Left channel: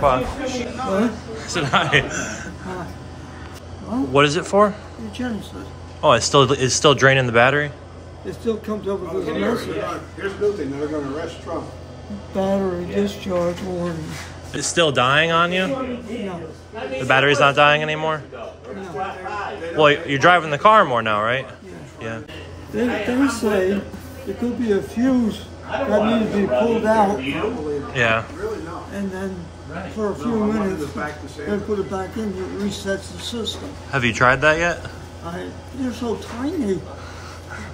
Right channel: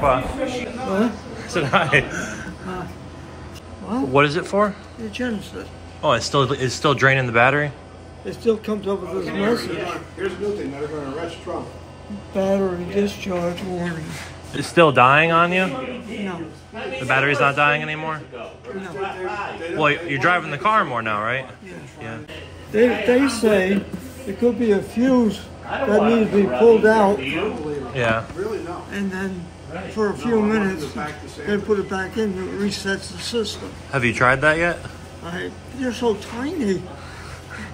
Grandpa. What? I said hi. What is it for? The Genesis. Oh, it's still draining the battery? It still comes up with this message. Here's the thing, they're going to arrest Trump. Battery discharge warning. It's still dying on you? No. The battery's not dying anymore? No. Well, you're driving the car more now, right? Yeah. Yeah. They say it could be a fuse that needs to be pulled out. Yeah. And then for a few minutes, they put it back in, it resets the system. Have you tried that yet? They're so tiny.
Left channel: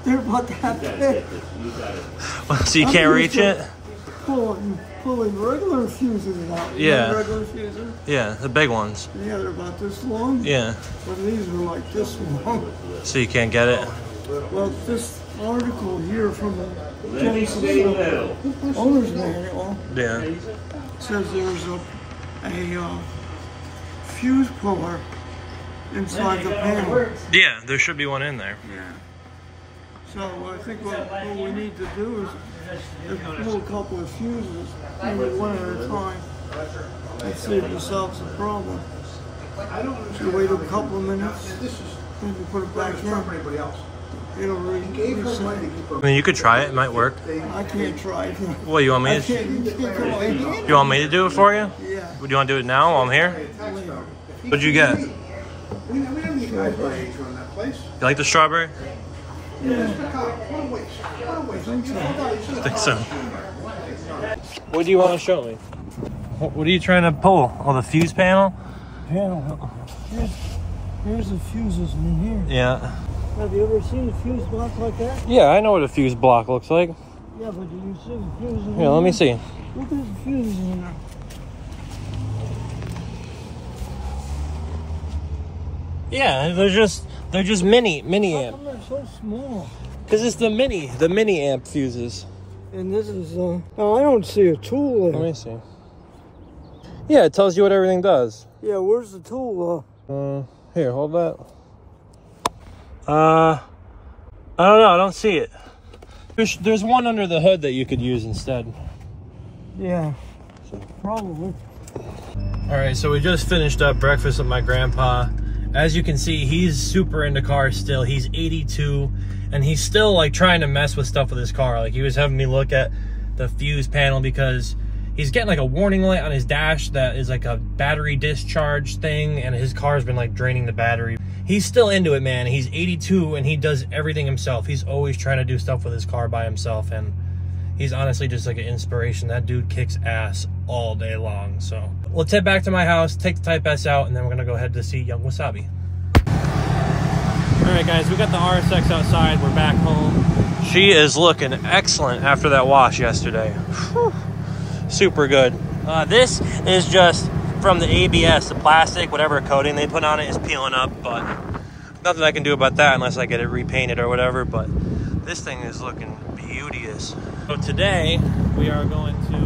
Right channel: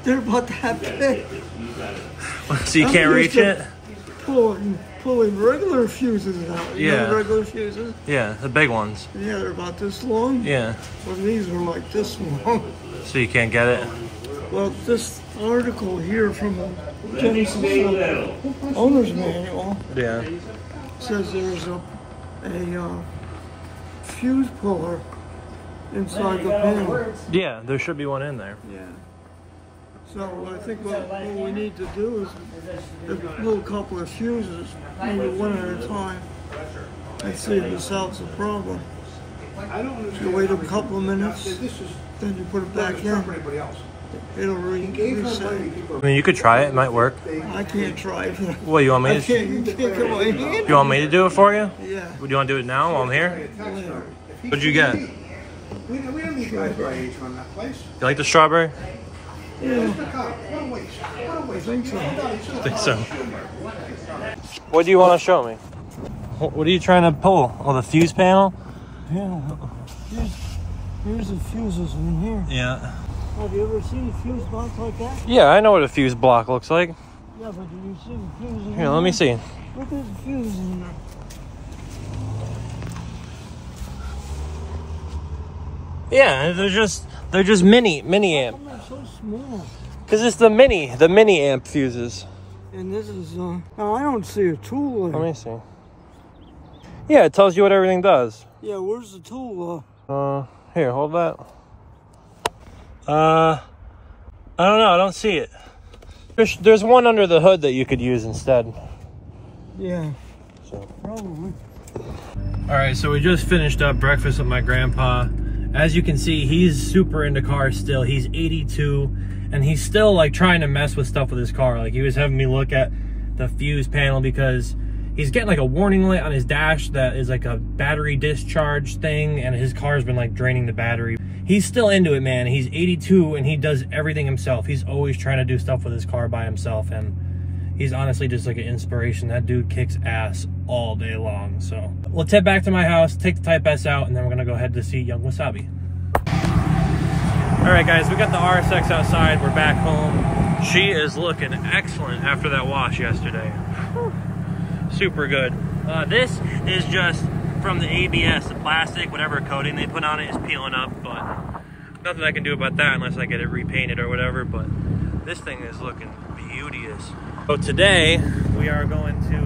They're about that big. So you can't reach it? Pulling regular fuses out. You know regular fuses? Yeah, the big ones. Yeah, they're about this long. Yeah. Well, these are like this long. So you can't get it? Well, this article here from the Genesis owner's manual says there's a fuse puller inside the panel. Yeah, there should be one in there. Yeah. So I think what we need to do is pull a couple of fuses, maybe one at a time, and see if it solves the problem. You wait a couple of minutes, then you put it back in. It'll reset. I mean, you could try it. It might work. I can't try it. What, you want me to? You can't come on hand. You want me to do it for you? Yeah. Do you want to do it now while I'm here? What'd you get? Strawberry. You like the strawberry? Yeah. I think so. I think so. What do you want to show me? What are you trying to pull? Oh, the fuse panel? Panel. Here's the fuses in here. Yeah. Have you ever seen a fuse box like that? Yeah, I know what a fuse block looks like. Yeah, but do you see the fuses in Here, let me see. Look at the fuses in there. Yeah, they're just mini amp. They're so small. Cause it's the mini amp fuses. And this is no, I don't see a tool there. Let me see. Yeah, it tells you what everything does. Yeah, where's the tool? Here, hold that. I don't know, I don't see it. There's one under the hood that you could use instead. Yeah, probably. All right, so we just finished up breakfast with my grandpa. As you can see, he's super into cars still. He's 82, and he's still like trying to mess with stuff with his car. Like he was having me look at the fuse panel because he's getting like a warning light on his dash that is like a battery discharge thing, and his car's been like draining the battery. He's still into it, man. He's 82 and he does everything himself. He's always trying to do stuff with his car by himself, and he's honestly just like an inspiration. That dude kicks ass all day long. So let's head back to my house, take the Type S out, and then we're gonna go ahead to see Young Wasabi. All right, guys, we got the RSX outside. We're back home. She is looking excellent after that wash yesterday. Whew. Super good. This is just from the ABS, the plastic, whatever coating they put on it is peeling up, but nothing I can do about that unless I get it repainted or whatever. But this thing is looking beauteous. So today we are going to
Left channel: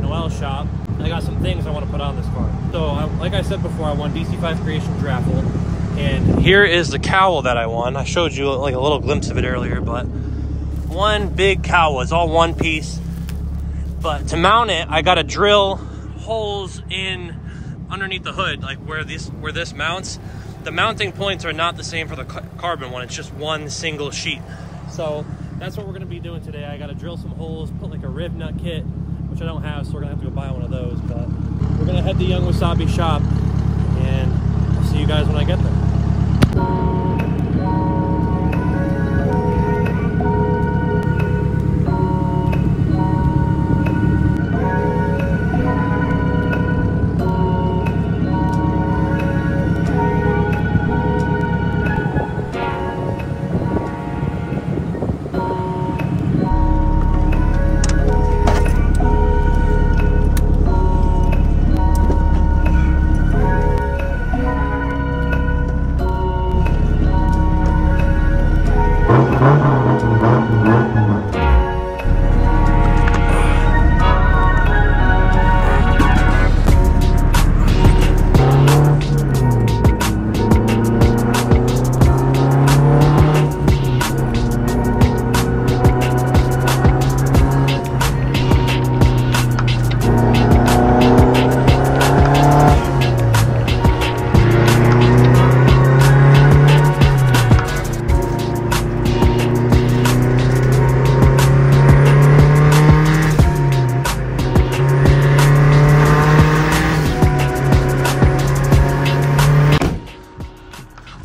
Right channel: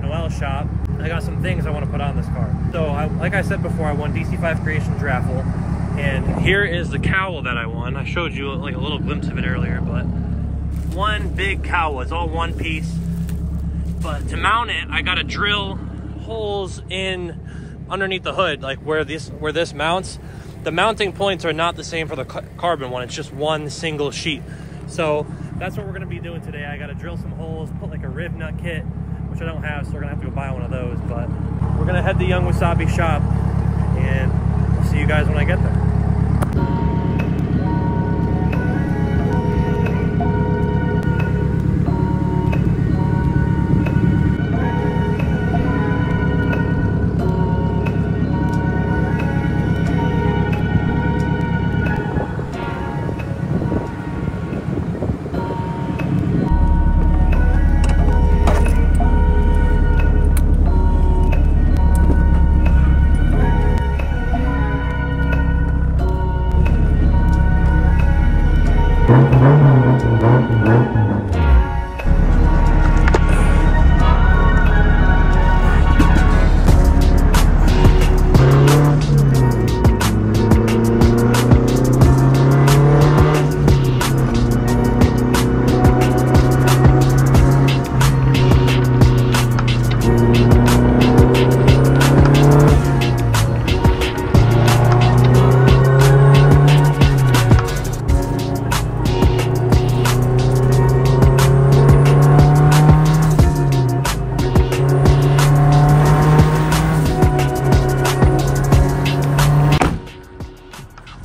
Noel's shop. I got some things I want to put on this car. So like I said before, I won DC5 Creations raffle, and here is the cowl that I won. I showed you like a little glimpse of it earlier, but one big cowl. It's all one piece. But to mount it, I got to drill holes in underneath the hood, like where this mounts. The mounting points are not the same for the carbon one. It's just one single sheet. So that's what we're going to be doing today. I got to drill some holes, put like a riv nut kit, which I don't have, so we're going to have to go buy one of those. But we're going to head to Young Wasabi shop, and I'll see you guys when I get there.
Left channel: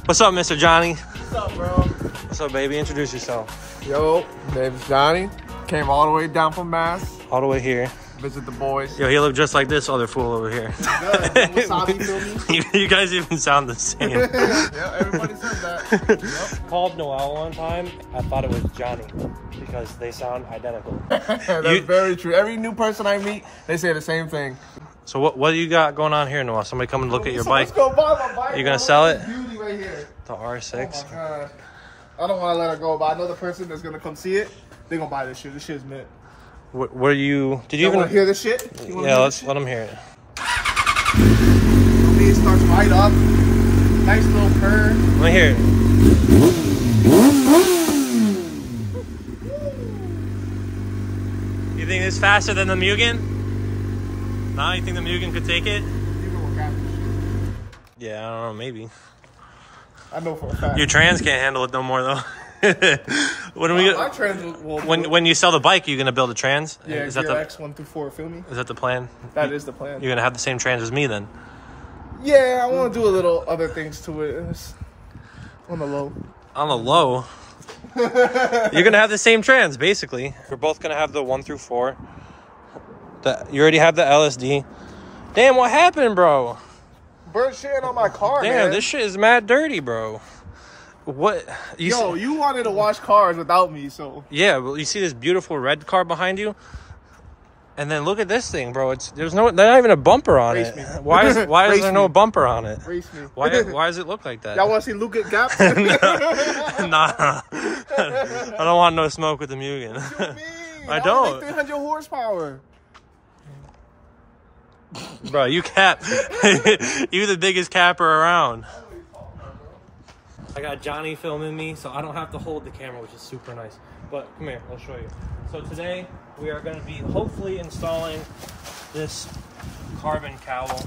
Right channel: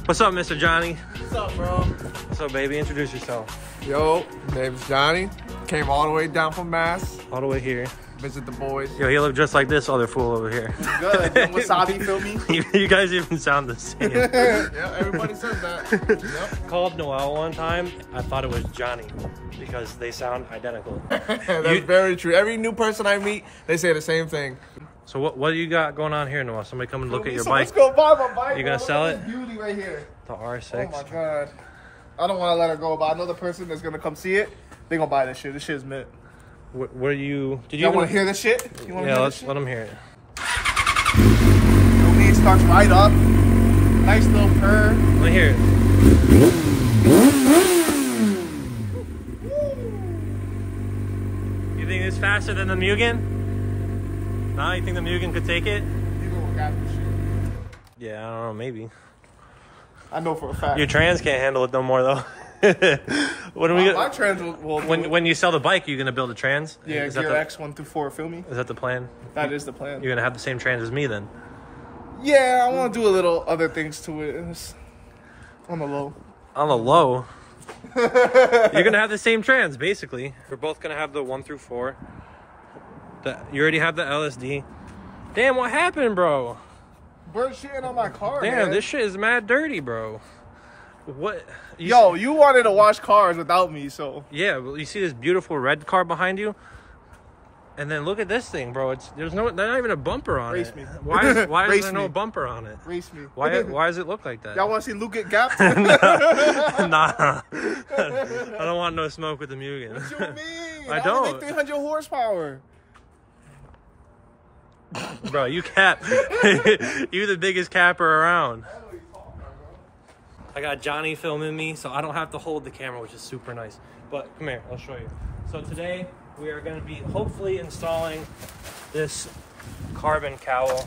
What's up, Mr. Johnny? What's up, bro? What's up, baby? Introduce yourself. Yo, name's Johnny. Came all the way down from Mass. All the way here. Visit the boys. Yo, he looked just like this other fool over here. Good. Wasabi, feel me? You guys even sound the same. Yeah, everybody says that. Yep. Called Noel one time. I thought it was Johnny because they sound identical. That's very true. Every new person I meet, they say the same thing. So what do you got going on here, Noel? Somebody come and look at your bike. Let's go buy my bike. You gonna sell it? Beauty right here. The R6. Oh my god. I don't want to let her go, but I know the person that's gonna come see it. They gonna buy this shit. This shit's mint. What are you? Did You you want to hear this shit? Yeah, let's let them hear it. The weed starts right up. Nice little purr. Let me hear it. You think it's faster than the Mugen? No, you think the Mugen could take it? People will got this shit. Yeah, I don't know, maybe. I know for a fact. Your trans can't handle it no more though. When we My trans will when you sell the bike, you're gonna build a trans? yeah, is that Gear the X 1 through 4, feel me? is that the plan? That is the plan. You're gonna have the same trans as me then? Yeah, I want to do a little other things to it. It's on the low. On the low, you're gonna have the same trans basically. We're both gonna have the 1 through 4. You already have the LSD. Damn, what happened, bro? Burn shit on my car. Damn, man. this shit is mad dirty, bro. What? You wanted to wash cars without me, so. Yeah, well, you see this beautiful red car behind you, and then look at this thing, bro. There's not even a bumper on Race it. me. Why is Race there no me. bumper on it? Race me. Why does it look like that? Y'all want to see Luke get gapped? Nah, I don't want no smoke with the Mugen. What you mean? I don't. Like 300 horsepower. Bro, you cap. You the biggest capper around. I got Johnny filming me, so I don't have to hold the camera, which is super nice. But come here, I'll show you. So today we are going to be hopefully installing this carbon cowl.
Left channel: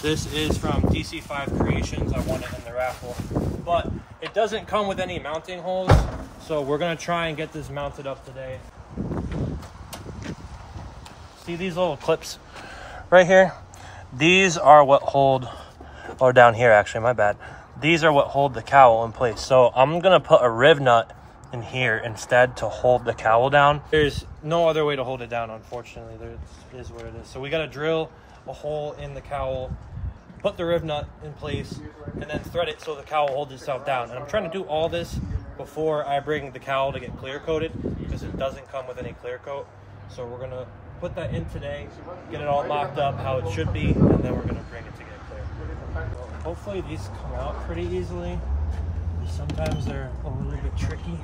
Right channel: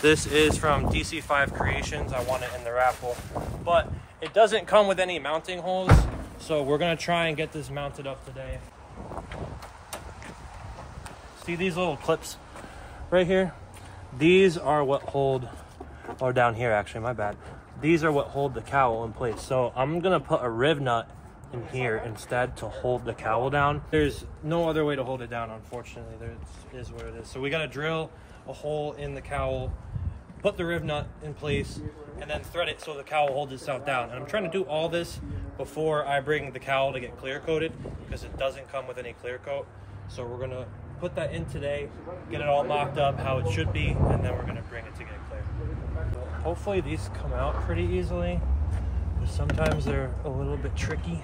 This is from DC5 Creations. I won it in the raffle, but it doesn't come with any mounting holes. So we're going to try and get this mounted up today. See these little clips right here? These are what hold, or down here actually, my bad. These are what hold the cowl in place. So I'm gonna put a rib nut in here instead to hold the cowl down. There's no other way to hold it down, unfortunately. There is what it is. So we gotta drill a hole in the cowl, put the rib nut in place, and then thread it so the cowl holds itself down. And I'm trying to do all this before I bring the cowl to get clear coated, because it doesn't come with any clear coat. So we're gonna put that in today, get it all locked up how it should be, and then we're gonna bring it to get clear. Well, hopefully these come out pretty easily, because sometimes they're a little bit tricky.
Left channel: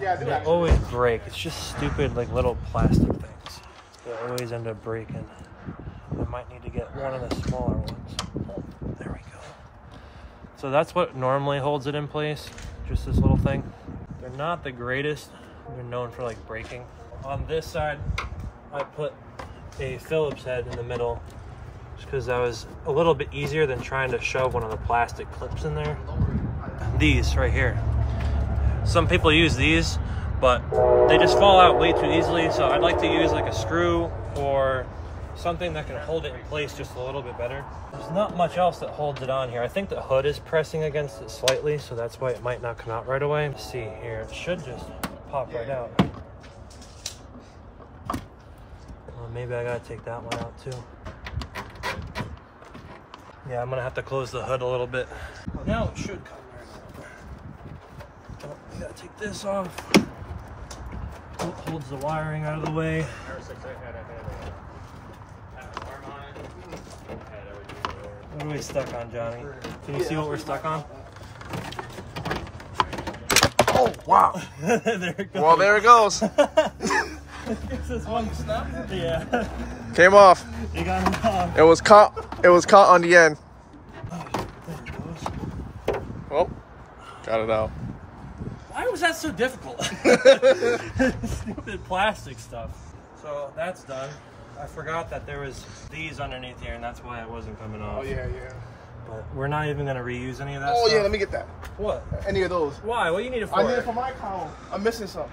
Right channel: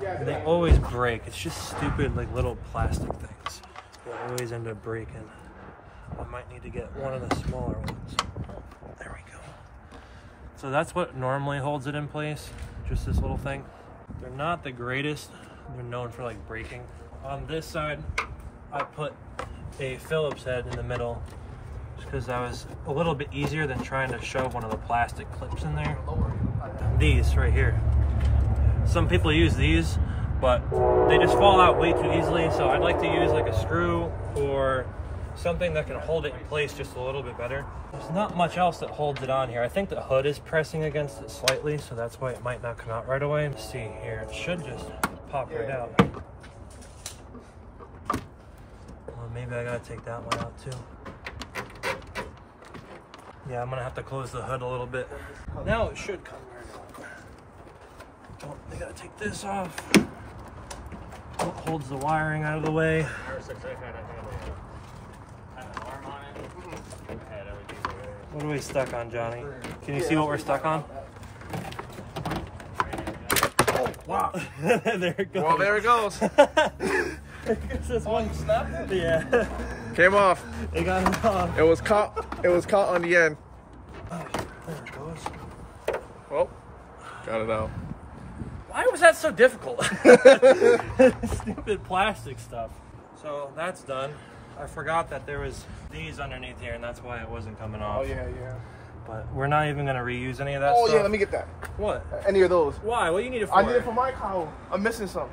And they always break. It's just stupid, like little plastic things. They always end up breaking. I might need to get one of the smaller ones. Oh, there we go. So that's what normally holds it in place, just this little thing. They're not the greatest. They're known for like breaking. On this side, I put a Phillips head in the middle just because that was a little bit easier than trying to shove one of the plastic clips in there. These right here. Some people use these, but they just fall out way too easily. So I'd like to use like a screw or something that can hold it in place just a little bit better. There's not much else that holds it on here. I think the hood is pressing against it slightly, so that's why it might not come out right away. Let's see here, it should just pop right out. Maybe I gotta take that one out too. Yeah, I'm gonna have to close the hood a little bit. Now it should come right out. Oh, I gotta take this off. It holds the wiring out of the way. What are we stuck on, Johnny? Can you see what we're stuck on? Oh, wow. There it goes. Well, there it goes. It's just one snap. Yeah. Came off. It got him off. It was caught on the end. Oh, there it goes. Well, got it out. Why was that so difficult? Stupid plastic stuff. So that's done. I forgot that there was these underneath here, and that's why it wasn't coming off. Oh, yeah. But we're not even going to reuse any of that stuff. Oh, yeah, let me get that. What? Any of those. Why? What do you need it for? I need it for my cowl. I'm missing some.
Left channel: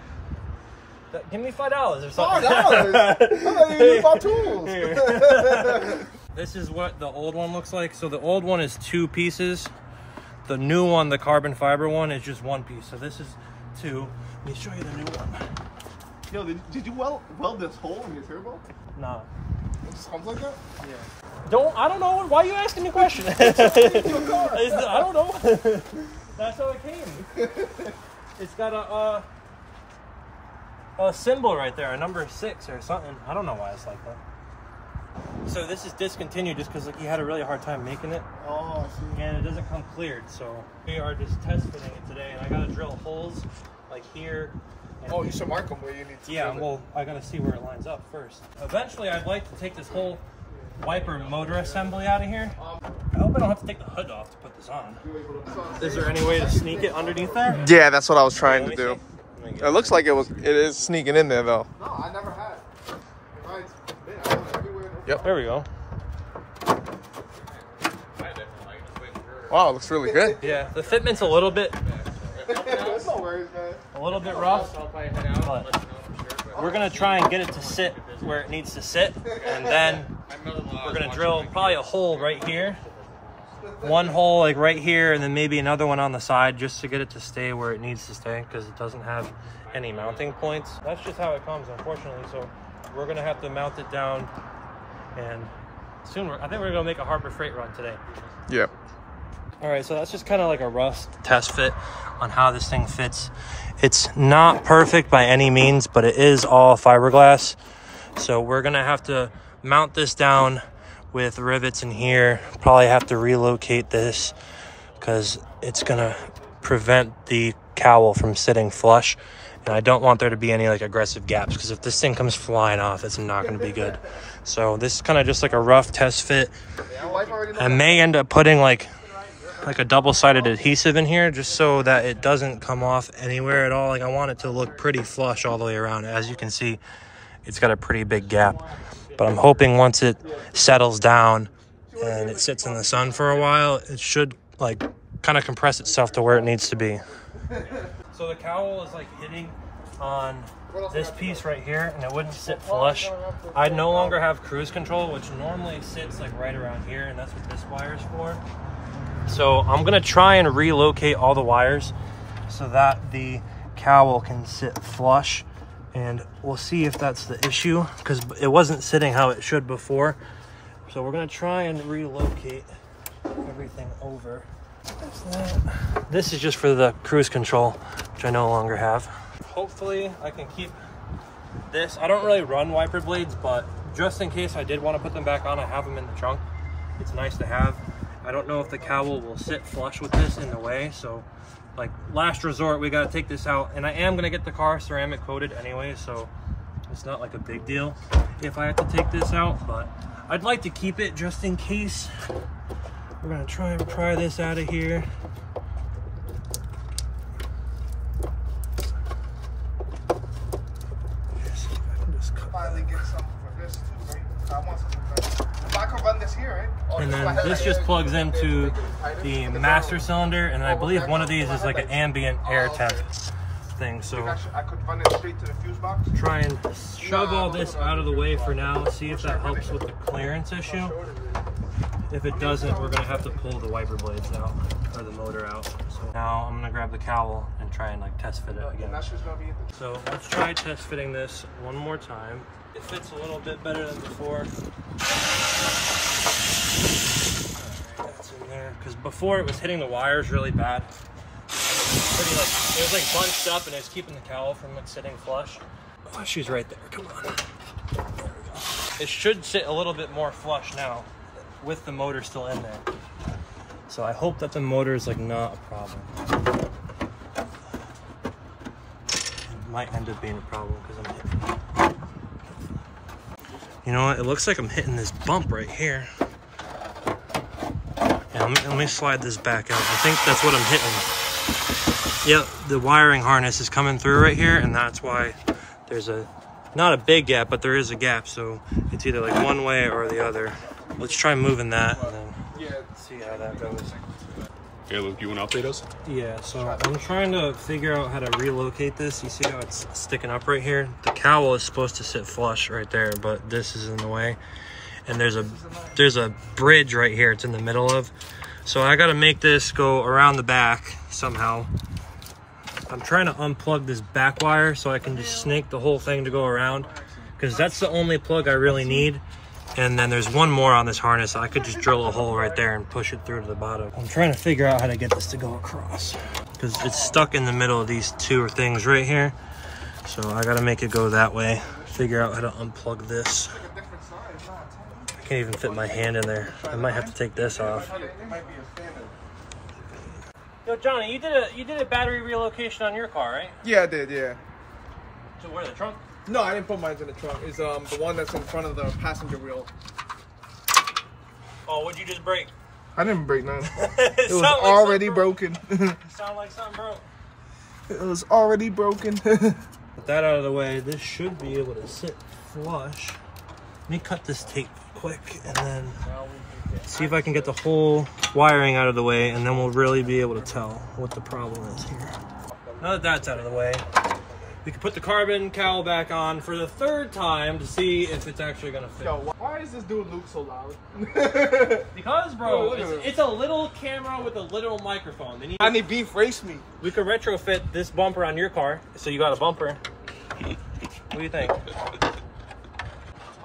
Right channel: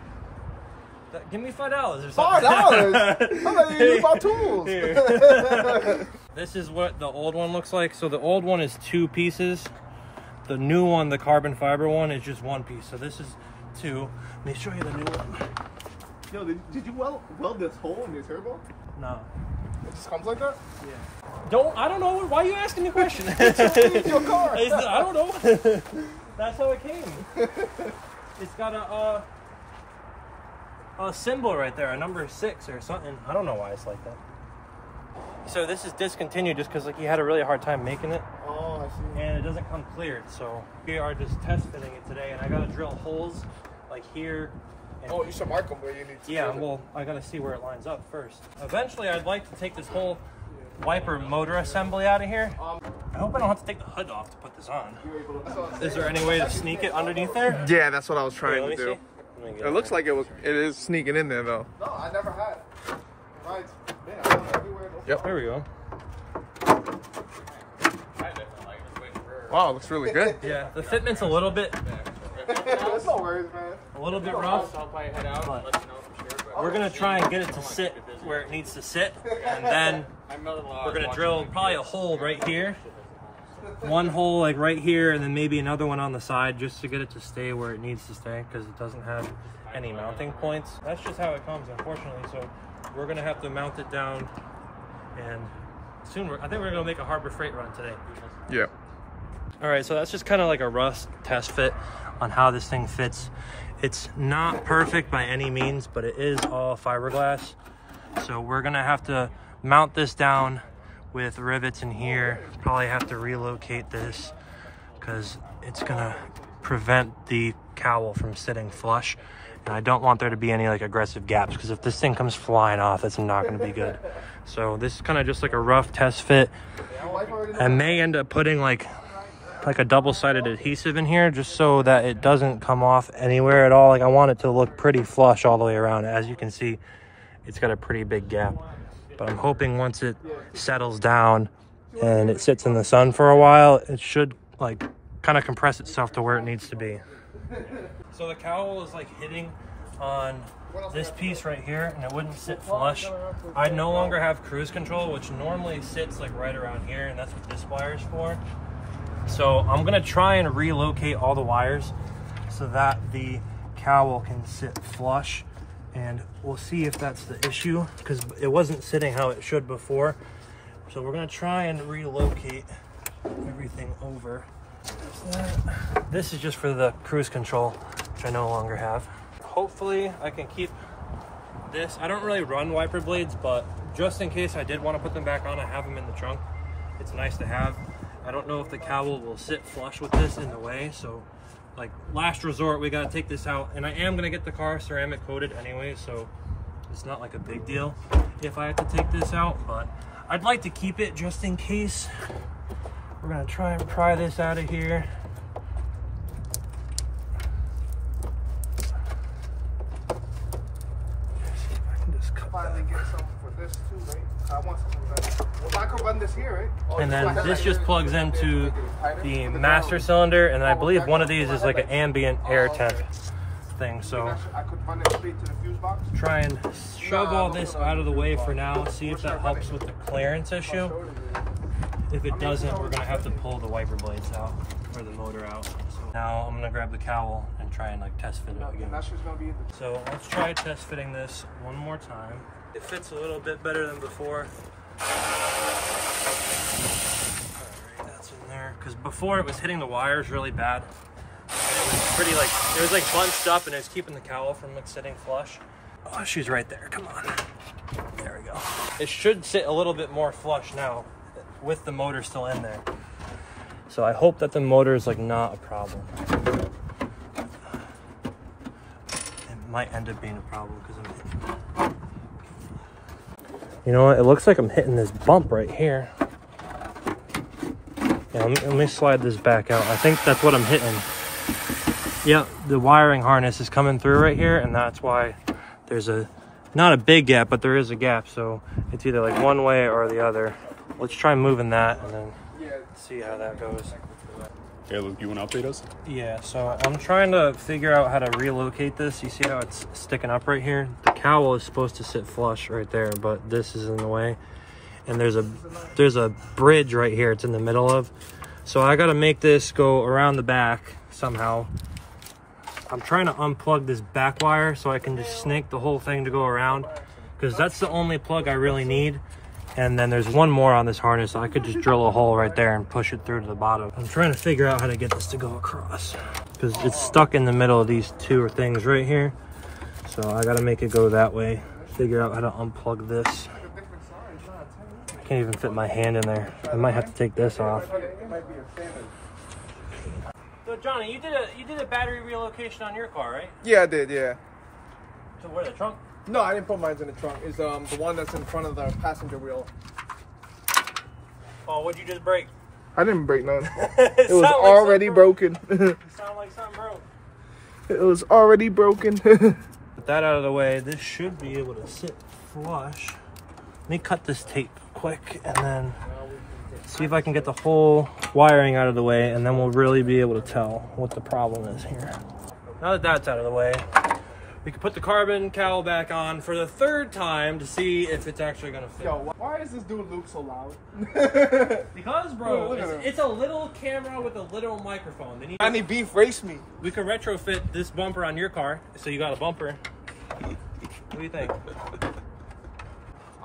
Give me $5 or something. $5? I'm not even use my tools. This is what the old one looks like. So the old one is 2 pieces. The new one, the carbon fiber one, is just one piece. So this is 2. Let me show you the new one. Yo, did you weld this hole in your turbo? No. It just comes like that? Yeah. I don't know. Why are you asking me questions? It's your car. I don't know. That's how it came. It's got a symbol right there, a number 6 or something. I don't know why it's like that. So this is discontinued just because like he had a really hard time making it. Oh, I see. And it doesn't come cleared. So we are just test fitting it today, and I got to drill holes like here. Oh, you should mark them where you need to. Yeah, well, I got to see where it lines up first. Eventually, I'd like to take this whole wiper motor assembly out of here. I hope I don't have to take the hood off to put this on. Is there any way to sneak it underneath there? Yeah, that's what I was trying to do. See. It looks like it is sneaking in there though. No, I never had. Yep. There we go. Wow, it looks really good. Yeah, the fitment's a little bit No worries, man. a little bit rough, but we're gonna try and get it to sit where it needs to sit, and then we're gonna drill probably a hole right here, one hole like right here, and then maybe another one on the side just to get it to stay where it needs to stay, because it doesn't have any mounting points. That's just how it comes, unfortunately. So we're gonna have to mount it down, and soon I think we're gonna make a Harbor Freight run today. Yeah. All right, so that's just kind of like a rough test fit on how this thing fits. It's not perfect by any means, but it is all fiberglass. So we're gonna have to mount this down with rivets in here. Probably have to relocate this because it's gonna prevent the cowl from sitting flush. And I don't want there to be any like aggressive gaps, because if this thing comes flying off, it's not gonna be good. So this is kind of just like a rough test fit. I may end up putting like a double-sided adhesive in here just so that it doesn't come off anywhere at all. Like I want it to look pretty flush all the way around. As you can see, it's got a pretty big gap, but I'm hoping once it settles down and it sits in the sun for a while, it should like kind of compress itself to where it needs to be. So the cowl is like hitting on this piece right here, and it wouldn't sit flush. I no longer have cruise control, which normally sits like right around here, and that's what this wire is for. So I'm gonna try and relocate all the wires so that the cowl can sit flush, and we'll see if that's the issue, because it wasn't sitting how it should before. So we're gonna try and relocate everything over. This is just for the cruise control, which I no longer have. Hopefully I can keep this. I don't really run wiper blades, but just in case I did want to put them back on, I have them in the trunk. It's nice to have. I don't know if the cowl will sit flush with this in the way, so like last resort, we got to take this out, and I am going to get the car ceramic coated anyway, so it's not like a big deal if I have to take this out, but I'd like to keep it just in case. We're going to try and pry this out of here. And then this just plugs into the master cylinder, and I believe one of these is like an ambient air temp thing. So try and shove all this out of the way for now, see if that helps with the clearance issue. If it doesn't, we're gonna have to pull the wiper blades out, or the motor out. So now I'm gonna grab the cowl and try and like test fit it again. So let's try test fitting this one more time. It fits a little bit better than before. Alright, that's in there. Because before it was hitting the wires really bad. And it was pretty like, it was like bunched up, and it was keeping the cowl from like sitting flush. Oh, she's right there, come on. There we go. It should sit a little bit more flush now, with the motor still in there. So I hope that the motor is like not a problem. It might end up being a problem because I'm hitting. You know what? It looks like I'm hitting this bump right here. Yeah, let me slide this back out. I think that's what I'm hitting. Yeah, the wiring harness is coming through right here, and that's why there's not a big gap, but there is a gap. So it's either like one way or the other. Let's try moving that and then see how that goes. Hey, Luke, you want to update us? Yeah, so I'm trying to figure out how to relocate this. You see how it's sticking up right here? The cowl is supposed to sit flush right there, but this is in the way. And there's a bridge right here it's in the middle of. So I gotta make this go around the back somehow. I'm trying to unplug this back wire so I can just snake the whole thing to go around, because that's the only plug I really need. And then there's one more on this harness. I could just drill a hole right there and push it through to the bottom. I'm trying to figure out how to get this to go across, because it's stuck in the middle of these two things right here. So I gotta make it go that way. Figure out how to unplug this. I can't even fit my hand in there. I might have to take this off. Yo, Johnny, you did a battery relocation on your car, right? Yeah, I did, yeah. So where, the trunk? No, I didn't put mine in the trunk. It's the one that's in front of the passenger wheel. Oh, what'd you just break? I didn't break none. It was already broken. You sound like something broke. It was already broken. Put that out of the way. This should be able to sit flush. Let me cut this tape quick and then see if I can get the whole wiring out of the way, and then we'll really be able to tell what the problem is here. Now that that's out of the way, we can put the carbon cowl back on for the third time to see if it's actually gonna fit. Yo, why is this dude Luke so loud? Because, bro, it's a little camera with a little microphone. They need I need beef, race me. We could retrofit this bumper on your car, so you got a bumper. What do you think?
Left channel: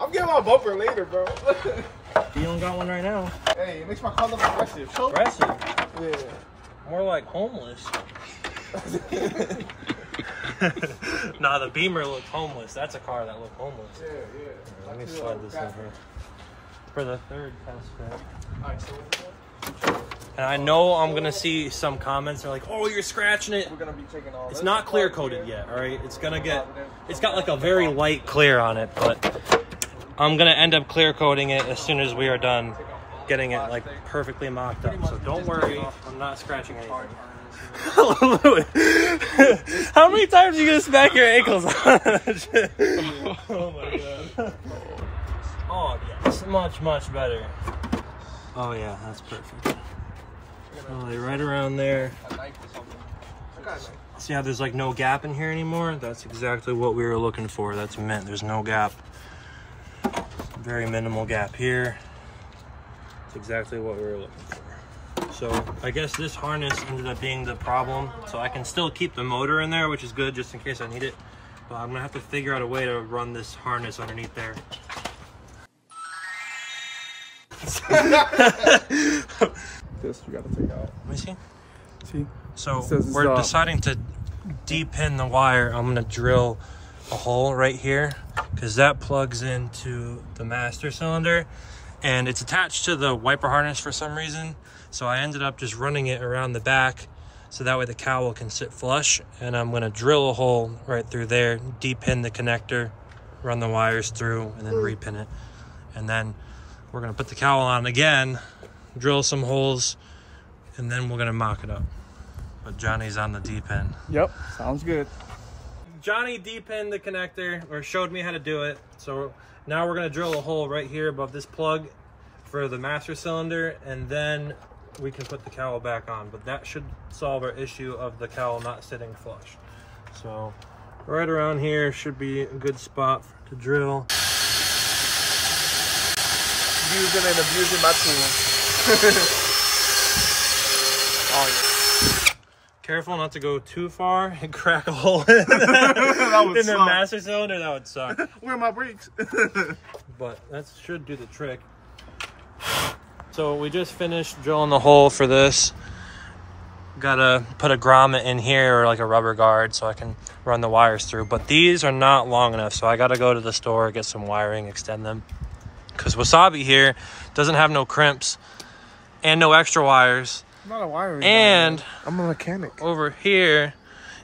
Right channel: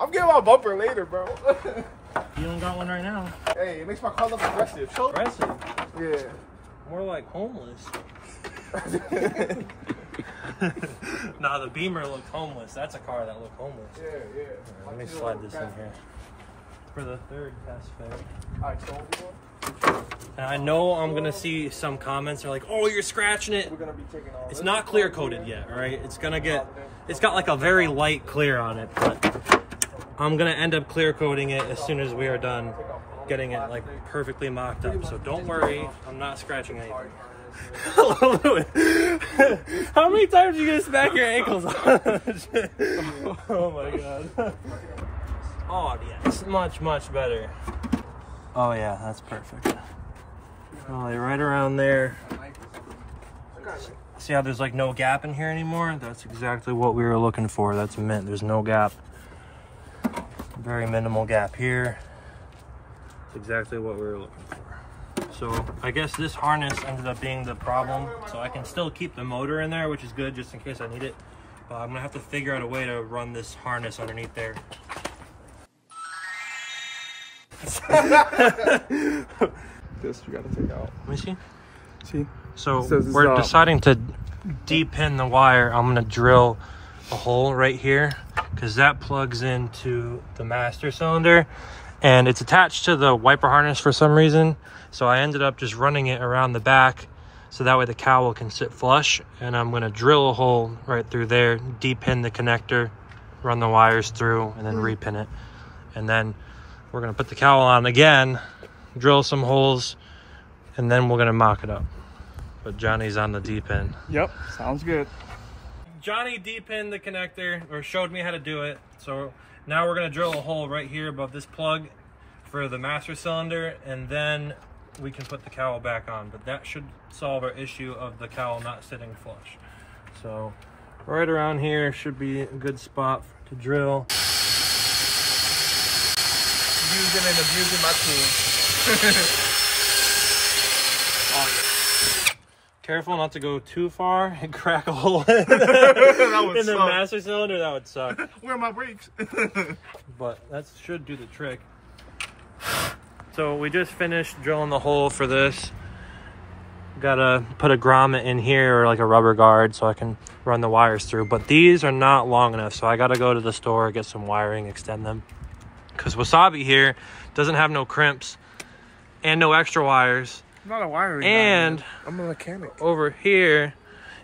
I'm getting my bumper later, bro. You don't got one right now. Hey, it makes my car look aggressive. Aggressive? Yeah. More like homeless. Nah, the Beamer looked homeless. That's a car that looked homeless. Yeah, yeah. Right, let me slide this in here. For the third test fit. Alright, so and I know I'm gonna see some comments. They're like, "Oh, you're scratching it." we're gonna be taking all. It's not clear coated yet. All right, it's got like a very light clear on it, but I'm gonna end up clear coating it as soon as we are done getting it like perfectly mocked up. So don't worry, I'm not scratching anything. How many times are you gonna smack your ankles on that shit? Oh my god. Oh yes, much better. Oh yeah, that's perfect. So, like right around there. See how there's like no gap in here anymore? That's exactly what we were looking for. That's meant there's no gap. Very minimal gap here. That's exactly what we were looking for. So I guess this harness ended up being the problem. So I can still keep the motor in there, which is good just in case I need it. But I'm gonna have to figure out a way to run this harness underneath there. This we gotta take out. Let me see. See? So we're deciding to de-pin the wire. I'm gonna drill a hole right here because that plugs into the master cylinder and it's attached to the wiper harness for some reason. So I ended up just running it around the back so that way the cowl can sit flush, and I'm gonna drill a hole right through there, de-pin the connector, run the wires through, and then repin it. And then we're gonna put the cowl on again, drill some holes, and then we're gonna mock it up. But Johnny's on the D-pin. Yep, sounds good. Johnny D-pinned the connector, or showed me how to do it. So now we're gonna drill a hole right here above this plug for the master cylinder, and then we can put the cowl back on. But that should solve our issue of the cowl not sitting flush. So right around here should be a good spot to drill. Using and abusing my tools. Oh, yeah. Careful not to go too far and crack a hole in the master cylinder. That would suck. Where are my brakes? But that should do the trick. So we just finished drilling the hole for this. Gotta put a grommet in here or like a rubber guard so I can run the wires through. But these are not long enough, so I gotta go to the store, get some wiring, extend them. Because Wasabi here doesn't have no crimps and no extra wires. I'm not a wiring and guy, I'm a mechanic. Over here,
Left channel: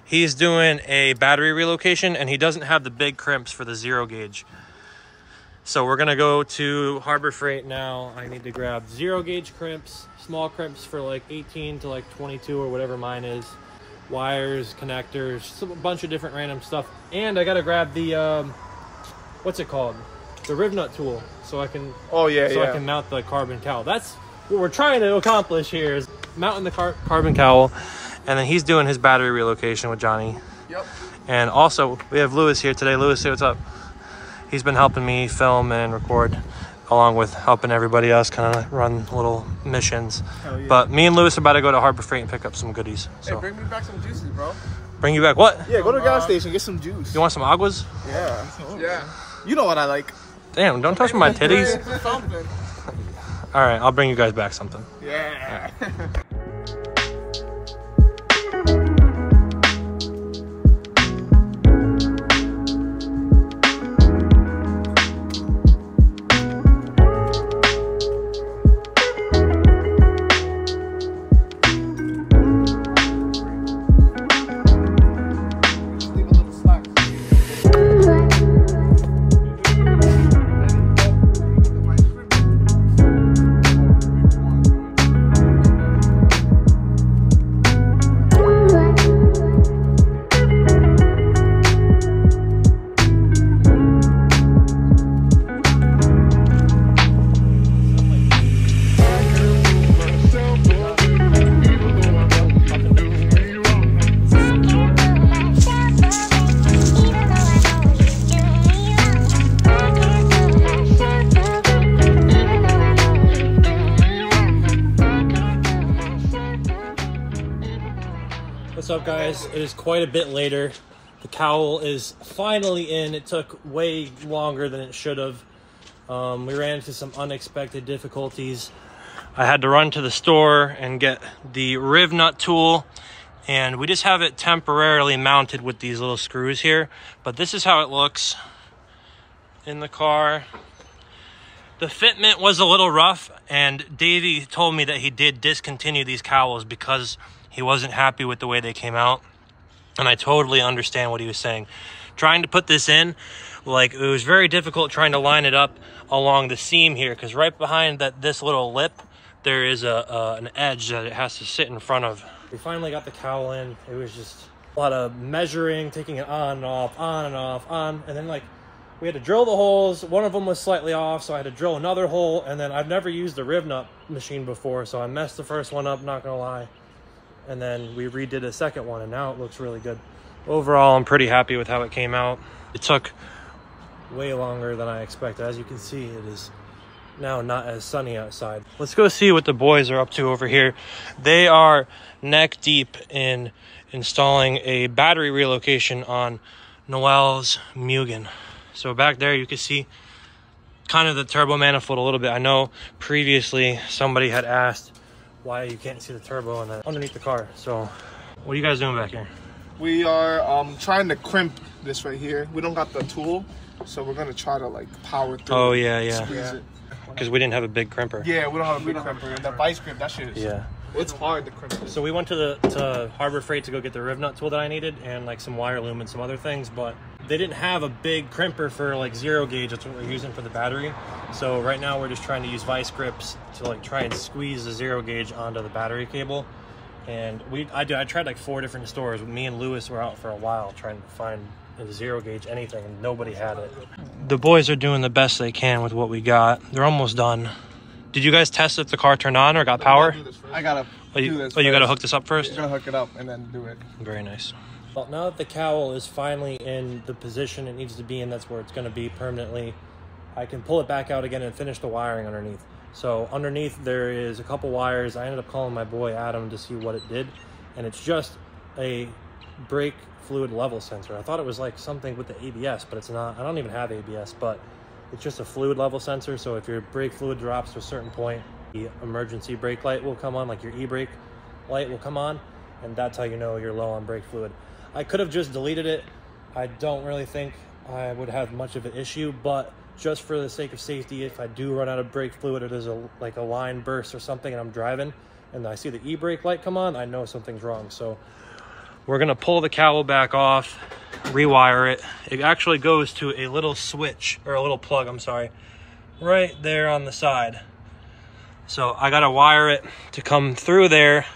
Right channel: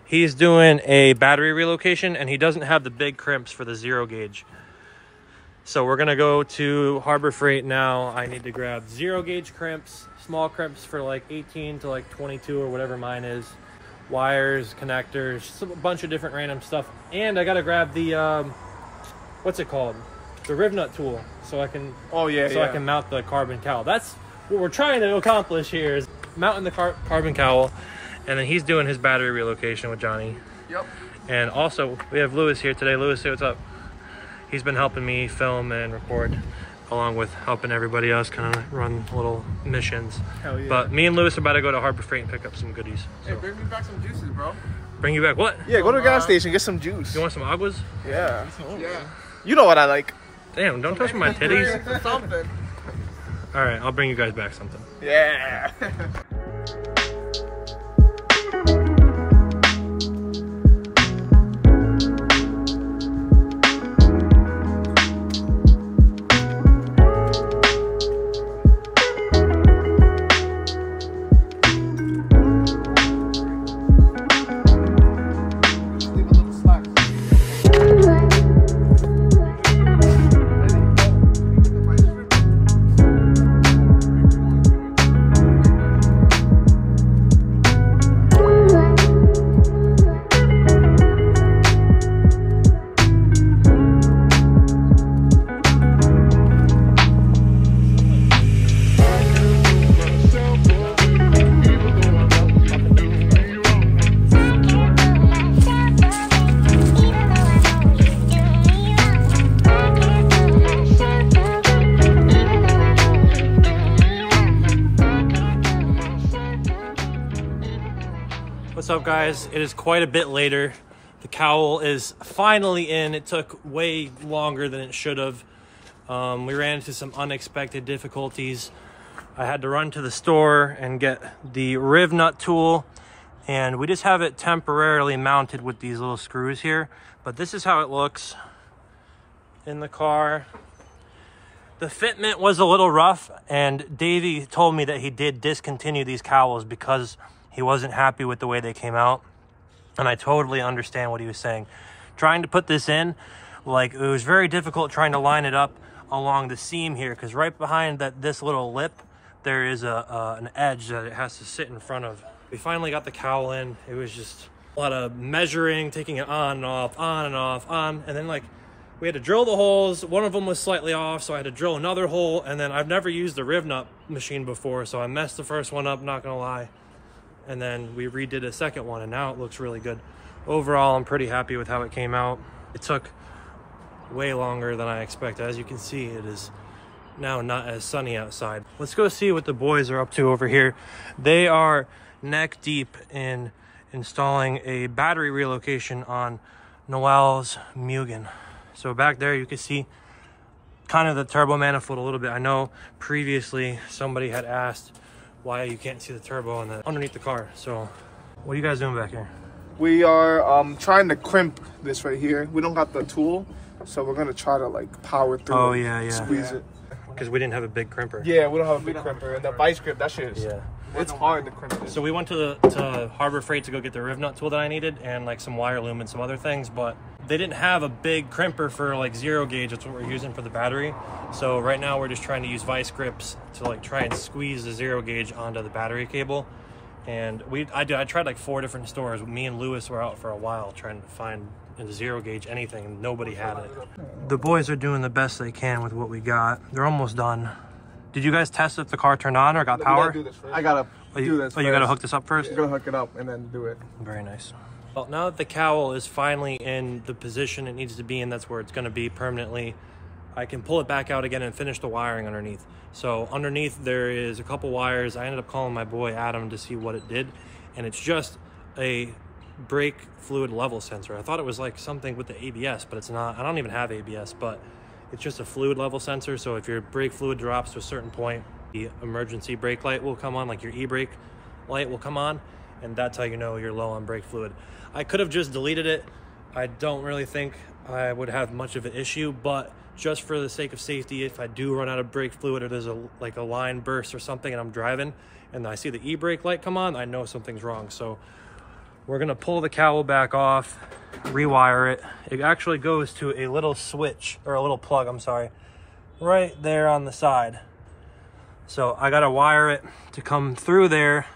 he's doing a battery relocation and he doesn't have the big crimps for the 0 gauge. So we're gonna go to Harbor Freight now. I need to grab 0 gauge crimps, small crimps for like 18 to like 22 or whatever mine is. Wires, connectors, a bunch of different random stuff. And I gotta grab the, what's it called? The riv nut tool. So I can, I can mount the carbon cowl. That's what we're trying to accomplish here, is mounting the carbon cowl. And then he's doing his battery relocation with Johnny. Yep. And also we have Lewis here today. Lewis, say what's up. He's been helping me film and record along with helping everybody else kind of run little missions. Hell yeah. But me and Lewis are about to go to Harbor Freight and pick up some goodies. So. Hey, bring me back some juices, bro. Bring you back what? Yeah, go to the gas station, get some juice. You want some aguas? Yeah. Yeah. You know what I like. Damn, don't touch my titties. Something. All right, I'll bring you guys back something. Yeah. What's up, guys? It is quite a bit later. The Cowl is finally in. It took way longer than it should have. We ran into some unexpected difficulties. I had to run to the store and get the riv nut tool, and we just have it temporarily mounted with these little screws here. But this is how it looks in the car. The fitment was a little rough, and Davey told me that he did discontinue these Cowls because he wasn't happy with the way they came out. And I totally understand what he was saying. Trying to put this in, like, it was very difficult trying to line it up along the seam here, because right behind this little lip, there is an edge that it has to sit in front of. We finally got the Cowl in. It was just a lot of measuring, taking it on and off, on and off, on, and then, like, we had to drill the holes. One of them was slightly off, so I had to drill another hole, and then I've never used the riv nut machine before, so I messed the first one up, not gonna lie. And then we redid a second one, and now it looks really good. Overall, I'm pretty happy with how it came out. It took way longer than I expected. As you can see, it is now not as sunny outside. Let's go see what the boys are up to over here. They are neck deep in installing a battery relocation on Noel's Mugen. So back there, you can see kind of the turbo manifold a little bit. I know previously somebody had asked why you can't see the turbo underneath the car. So what are you guys doing back here? We are trying to crimp this right here. We don't got the tool, so we're gonna try to like power through. Oh yeah. Because we didn't have a big crimper. Yeah, we don't have a big crimper. And the vice grip, that shit is, yeah, it's hard to crimp it. So we went to Harbor Freight to go get the riv nut tool that I needed, and like some wire loom and some other things, but they didn't have a big crimper for like 0 gauge. That's what we're using for the battery. So right now we're just trying to use vice grips to like try and squeeze the 0 gauge onto the battery cable. And I tried like 4 different stores. Me and Lewis were out for a while trying to find the 0 gauge anything, and nobody had it. The boys are doing the best they can with what we got. They're almost done. Did you guys test if the car turned on or got power? I gotta do this. Oh, you gotta hook this up first? You're gonna hook it up and then do it. Very nice. Well, now that the Cowl is finally in the position it needs to be in, that's where it's gonna be permanently, I can pull it back out again and finish the wiring underneath. So underneath there is a couple wires. I ended up calling my boy Adam to see what it did, and it's just a brake fluid level sensor. I thought it was like something with the ABS, but it's not. I don't even have ABS, but it's just a fluid level sensor. So if your brake fluid drops to a certain point, the emergency brake light will come on, like your e-brake light will come on, and that's how you know you're low on brake fluid. I could have just deleted it. I don't really think I would have much of an issue, but just for the sake of safety, if I do run out of brake fluid or there's like a line burst or something and I'm driving and I see the e-brake light come on, I know something's wrong. So we're gonna pull the Cowl back off, rewire it. It actually goes to a little switch, or a little plug, I'm sorry, right there on the side. So I gotta wire it to come through there.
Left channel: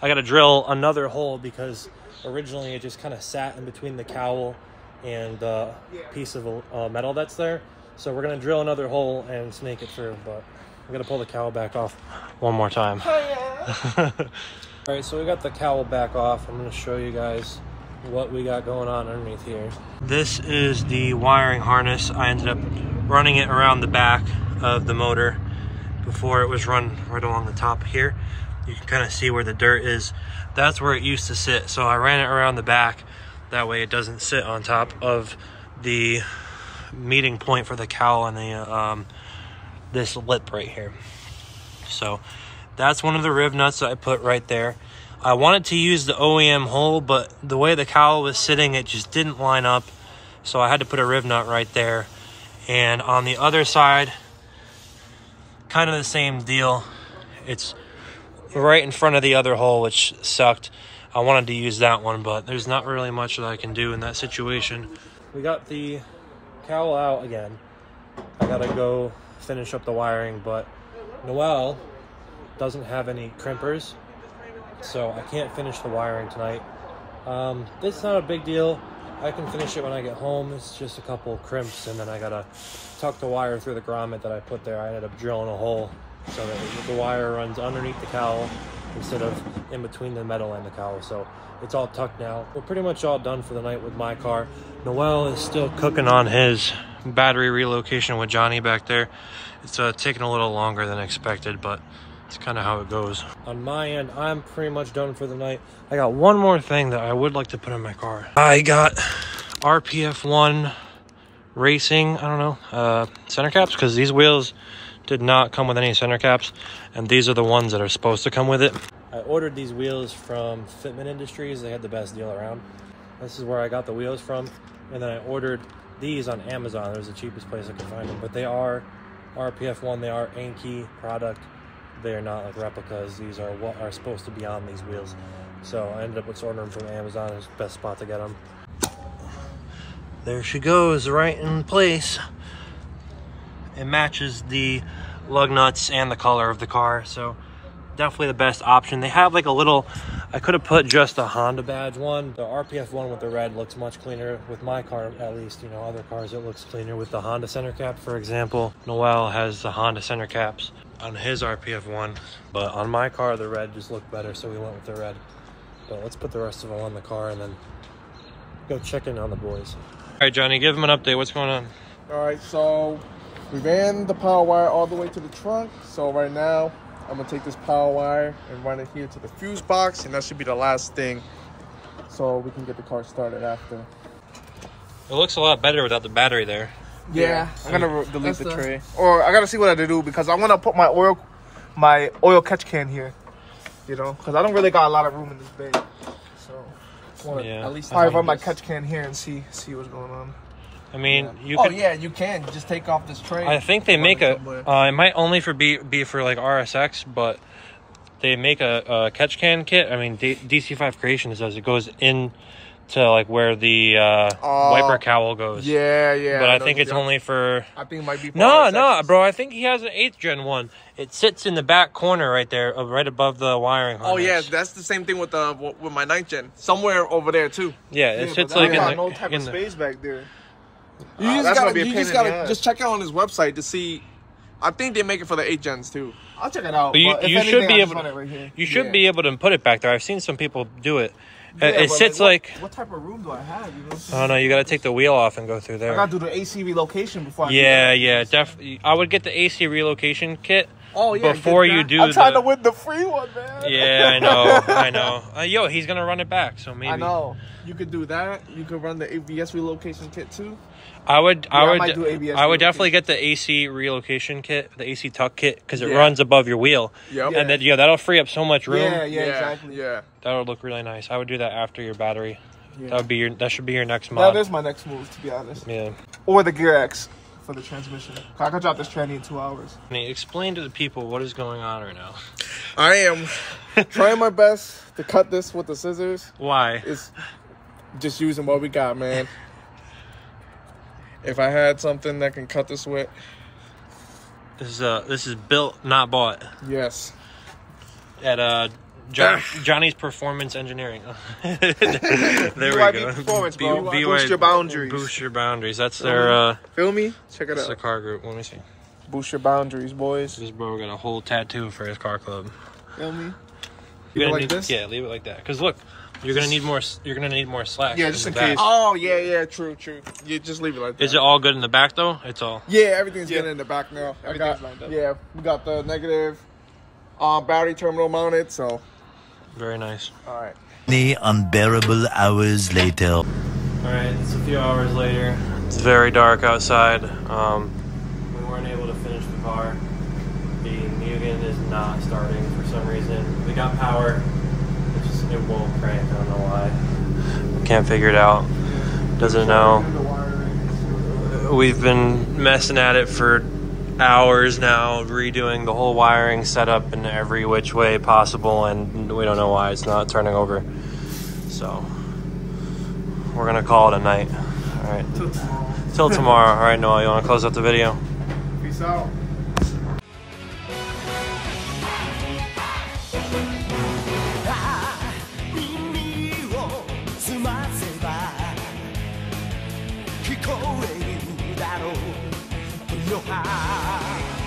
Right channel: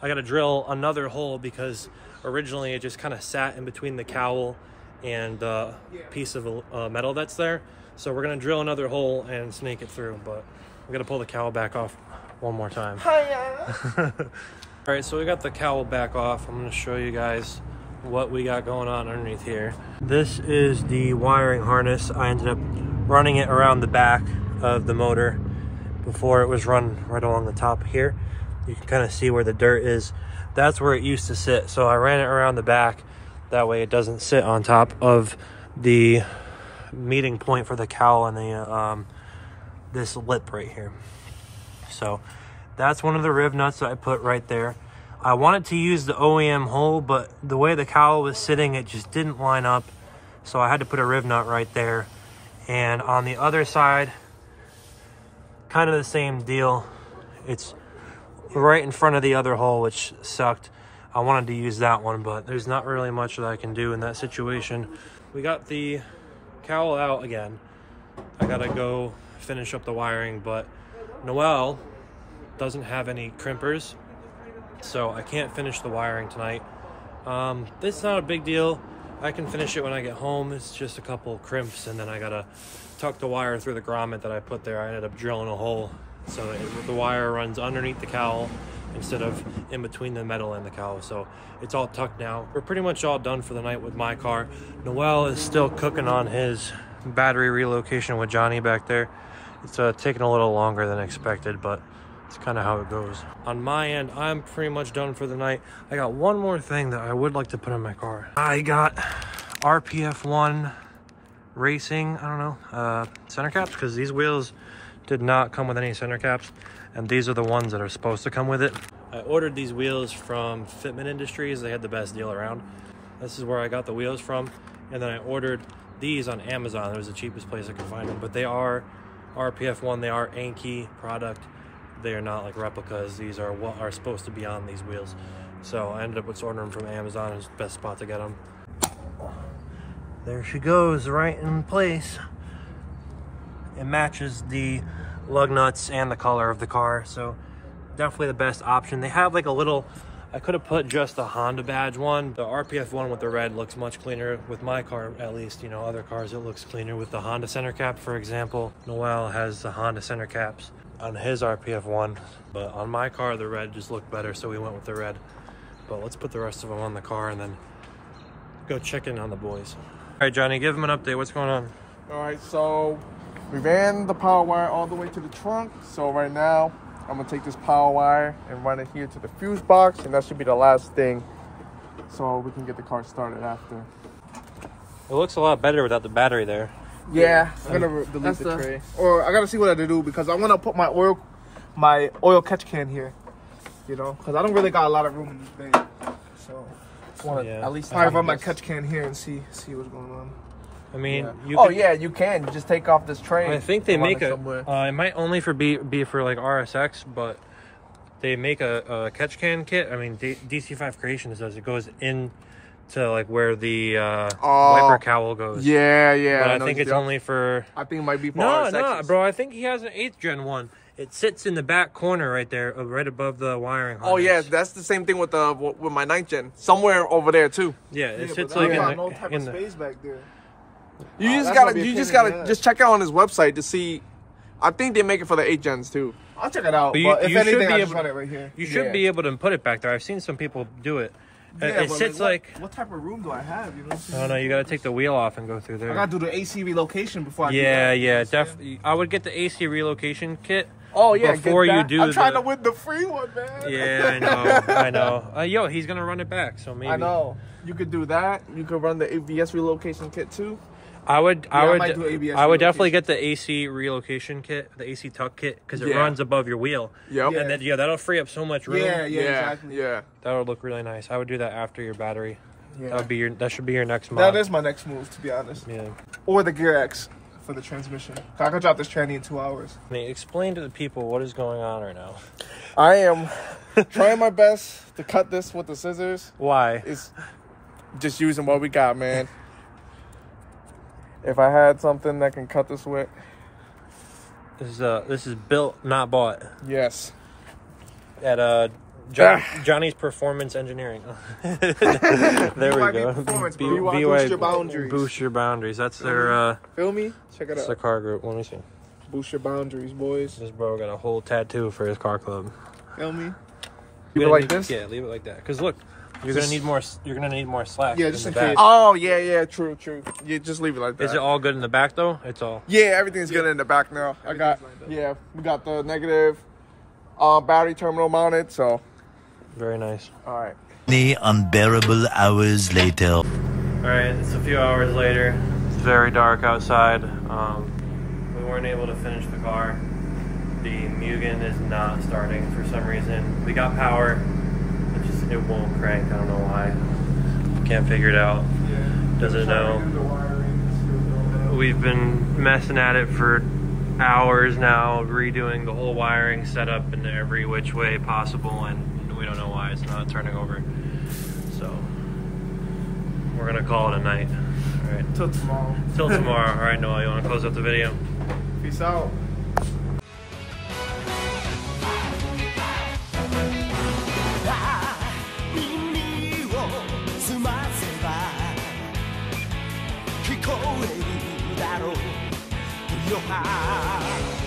I gotta drill another hole because originally it just kind of sat in between the Cowl and the piece of metal that's there. So we're gonna drill another hole and snake it through, but we're gonna pull the Cowl back off one more time. All right, so we got the Cowl back off. I'm gonna show you guys what we got going on underneath here. This is the wiring harness. I ended up running it around the back of the motor before it was run right along the top here. You can kind of see where the dirt is. That's where it used to sit. So I ran it around the back. That way it doesn't sit on top of the meeting point for the cowl and the this lip right here. So that's one of the riv nuts that I put right there. I wanted to use the OEM hole, but the way the cowl was sitting, it just didn't line up. So I had to put a riv nut right there. And on the other side, kind of the same deal. It's right in front of the other hole, which sucked. I wanted to use that one, but there's not really much that I can do in that situation. We got the cowl out again. I gotta go finish up the wiring, but Noel doesn't have any crimpers, so I can't finish the wiring tonight. It's not a big deal. I can finish it when I get home. It's just a couple crimps, and then I gotta tuck the wire through the grommet that I put there. I ended up drilling a hole so that the wire runs underneath the cowl instead of in between the metal and the cowl. So it's all tucked now. We're pretty much all done for the night with my car. Noel is still cooking on his battery relocation with Johnny back there. It's taking a little longer than expected, but it's kind of how it goes. On my end, I'm pretty much done for the night. I got one more thing that I would like to put in my car. I got RPF1 Racing, I don't know, center caps, because these wheels did not come with any center caps, and these are the ones that are supposed to come with it. I ordered these wheels from Fitment Industries. They had the best deal around. This is where I got the wheels from, and then I ordered these on Amazon. It was the cheapest place I could find them, but they are RPF1. They are Anki product. They are not like replicas. These are what are supposed to be on these wheels. So I ended up just ordering them from Amazon. It's the best spot to get them. There she goes, right in place. It matches the lug nuts and the color of the car, so definitely the best option. They have like a little, I could have put just a Honda badge one. The RPF one with the red looks much cleaner with my car, at least. You know, other cars it looks cleaner with the Honda center cap, for example. Noel has the Honda center caps on his RPF one, but on my car the red just looked better, so we went with the red. But let's put the rest of them on the car and then go check in on the boys. All right, Johnny, give them an update. What's going on? All right, so we ran the power wire all the way to the trunk. So right now, I'm gonna take this power wire and run it here to the fuse box, and that should be the last thing, so we can get the car started after. It looks a lot better without the battery there. Yeah, I'm gonna delete the tray. Or I gotta see what I do, because I wanna put my oil catch can here, you know, because I don't really got a lot of room in this bay. So I wanna at least run my catch can here and see what's going on. I mean, you could... Oh, yeah, you can. Just take off this tray. I think they make a... it might only be for, like, RSX, but they make a catch can kit. I mean, DC5 Creations does. It goes in to, like, where the wiper cowl goes. Yeah, yeah. But I think it's only for... I think it might be for No, bro. I think he has an 8th gen one. It sits in the back corner right there, right above the wiring harness. Oh, yeah. That's the same thing with my 9th gen. Somewhere over there, too. Yeah, it sits, like, in the space back there. You just gotta check out on his website to see. I think they make it for the 8 gens too. I'll check it out. But you should be able to. You should be able to put it back there. I've seen some people do it. Yeah, it sits like. What type of room do I have? You know. Oh no, you gotta take the wheel off and go through there. I gotta do the AC relocation before. I Yeah, definitely. I would get the AC relocation kit. Oh yeah. Before you do I'm trying to win the free one, man. Yeah, I know. Yo, he's gonna run it back, so maybe. I know. You could do that. You could run the ABS relocation kit too. I would definitely get the AC relocation kit, the AC tuck kit, because it runs above your wheel. Yeah. And then that'll free up so much room. Yeah, exactly. Yeah. That would look really nice. I would do that after your battery. Yeah. That should be your next mod. That is my next move, to be honest. Yeah. Or the Gear X for the transmission. I could drop this tranny in 2 hours. I mean, explain to the people what is going on right now. I am trying my best to cut this with the scissors. Why? It's just using what we got, man. If I had something that can cut this with. This is built, not bought. Yes. At Johnny's Performance Engineering. There we go. Performance, bro. Boost your boundaries. Boost your boundaries. That's their feel me? Check it out. That's the car group. Let me see. Boost your boundaries, boys. This bro got a whole tattoo for his car club. Feel me? Leave it like this? Yeah, leave it like that. Because look, You're gonna need more. You're gonna need more slack. Yeah, just in in the back. case. Oh yeah, true. Yeah, just leave it like that. Is it all good in the back though? It's all. Yeah, everything's good in the back now. We got the negative battery terminal mounted, so. Very nice. All right. Many unbearable hours later. All right, it's a few hours later. It's very dark outside. We weren't able to finish the car. The Mugen is not starting for some reason. We got power. It won't crank. I don't know why. Can't figure it out. Doesn't know. We've been messing at it for hours now, redoing the whole wiring setup in every which way possible, and we don't know why it's not turning over. So we're gonna call it a night. All right. Till tomorrow. Till tomorrow. All right, Noah, you want to close out the video? Peace out. Your heart